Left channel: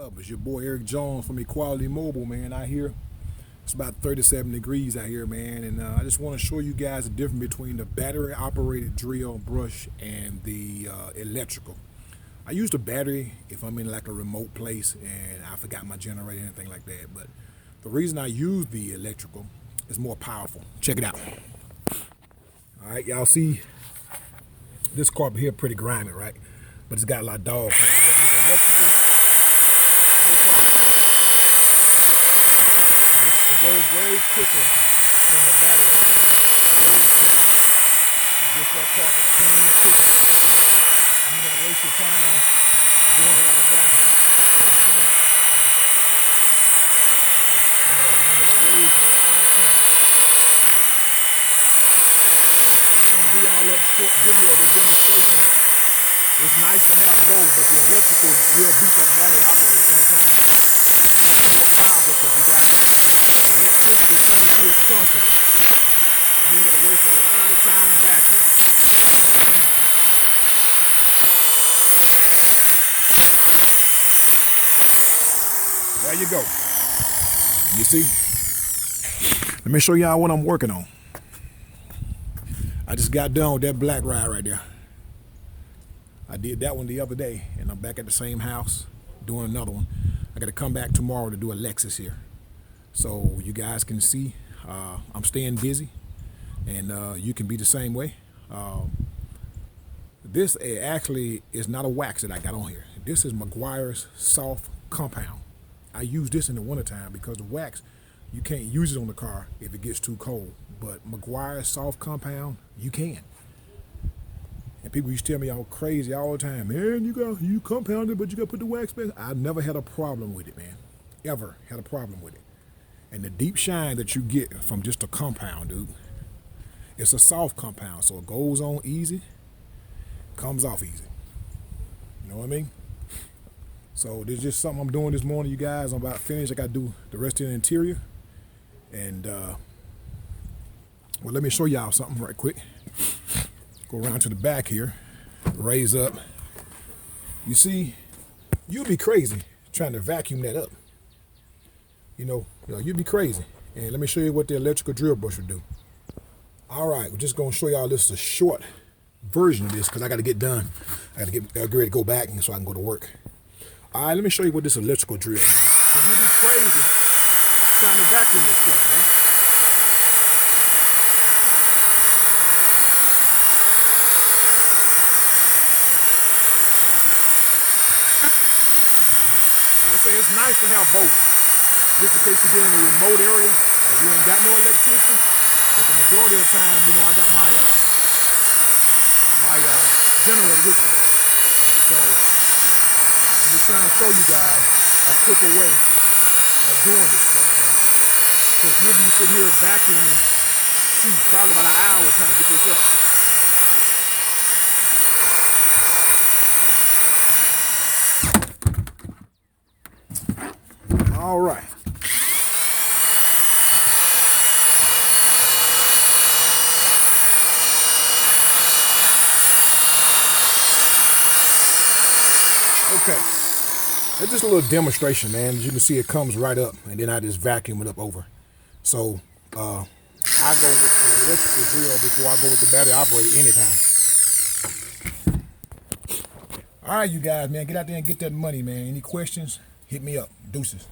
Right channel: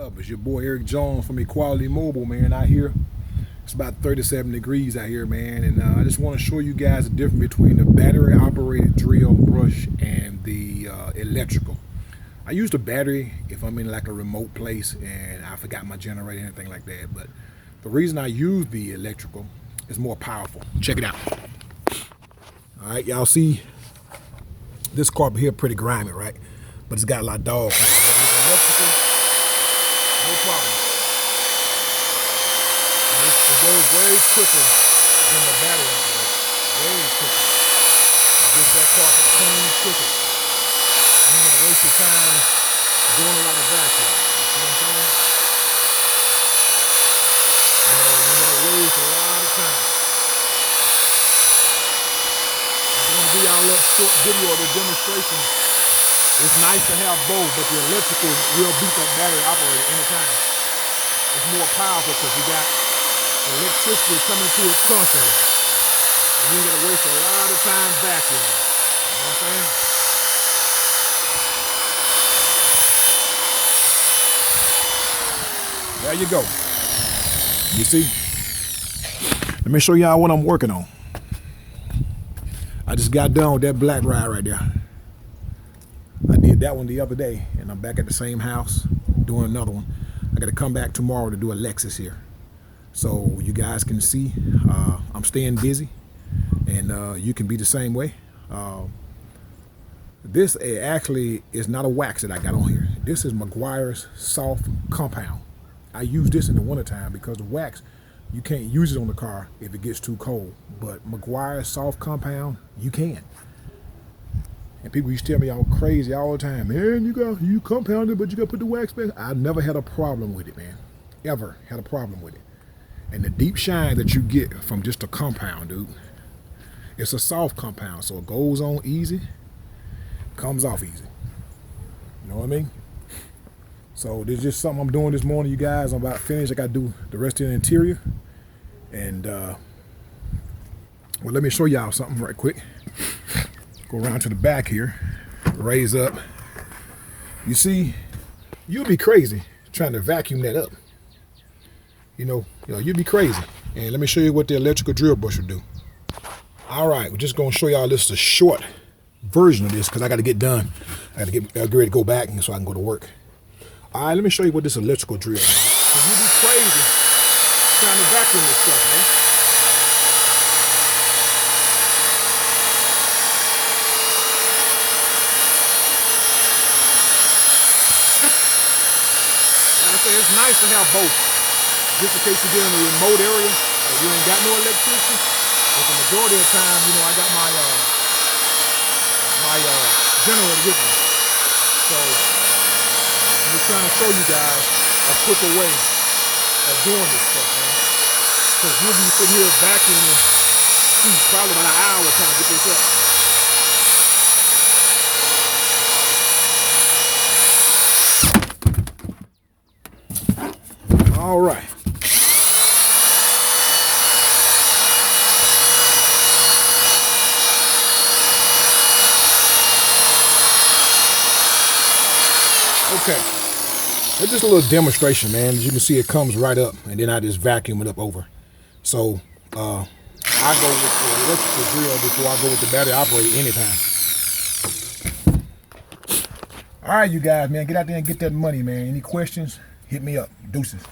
It's your boy Eric Jones from Equality Mobile, man. Out here, it's about 37 degrees out here, man, and I just want to show you guys the difference between the battery-operated drill brush and the electrical. I use the battery if I'm in like a remote place and I forgot my generator, anything like that. But the reason I use the electrical is more powerful. Check it out. All right, y'all see this carpet here pretty grimy, right? But it's got a lot of dog. But with electrical, no problem. It goes way quicker than the battery operated. Way quicker. It gets that carpet clean quicker. You ain't gonna waste your time doing a lot of vacuum. You see what I'm saying? You know, you ain't gonna waste a lot of time. I just want to give y'all a little short video of this demonstration. It's nice to have both, but the electrical will beat that battery operated anytime. It's more powerful because you got electricity coming to it constantly. And you ain't gonna waste a lot of time vacuuming. You know what I'm saying? There you go. You see? Let me show y'all what I'm working on. I just got done with that black ride right there. I did that one the other day, and I'm back at the same house doing another one. I got to come back tomorrow to do a Lexus here. So you guys can see I'm staying busy, and you can be the same way. This actually is not a wax that I got on here. This is Meguiar's soft compound. I use this in the wintertime because the wax, you can't use it on the car if it gets too cold. But Meguiar's soft compound, you can. And people used to tell me I'm crazy all the time. Man, you compound it, but you got to put the wax back. I never had a problem with it, man. Ever had a problem with it. And the deep shine that you get from just a compound, dude, it's a soft compound, so it goes on easy, comes off easy. You know what I mean? So this is just something I'm doing this morning, you guys. I'm about finished. I got to do the rest of the interior. And, well, let me show y'all something right quick. Go around to the back here, raise up. You see, you'll be crazy trying to vacuum that up. You know, you'd be crazy. And let me show you what the electrical drill brush will do. All right, we're just gonna show y'all this is a short version of this because I gotta get done. I gotta get ready to go back so I can go to work. All right, let me show you what this electrical drill is. Cause you'd be crazy trying to vacuum this stuff, man. Like I say, it's nice to have both. Just in case you get in a remote area or you ain't got no electricity. But the majority of the time, I got my generator with me. So I'm just trying to show you guys a quicker way of doing this stuff, man. Because you'll be sitting here vacuuming, probably about an hour trying to get this up. All right. Okay. That's just a little demonstration, man. As you can see, it comes right up, and then I just vacuum it up over. So I go with the electrical drill before I go with the battery operated anytime. All right, you guys, man, get out there and get that money, man. Any questions? Hit me up. Deuces.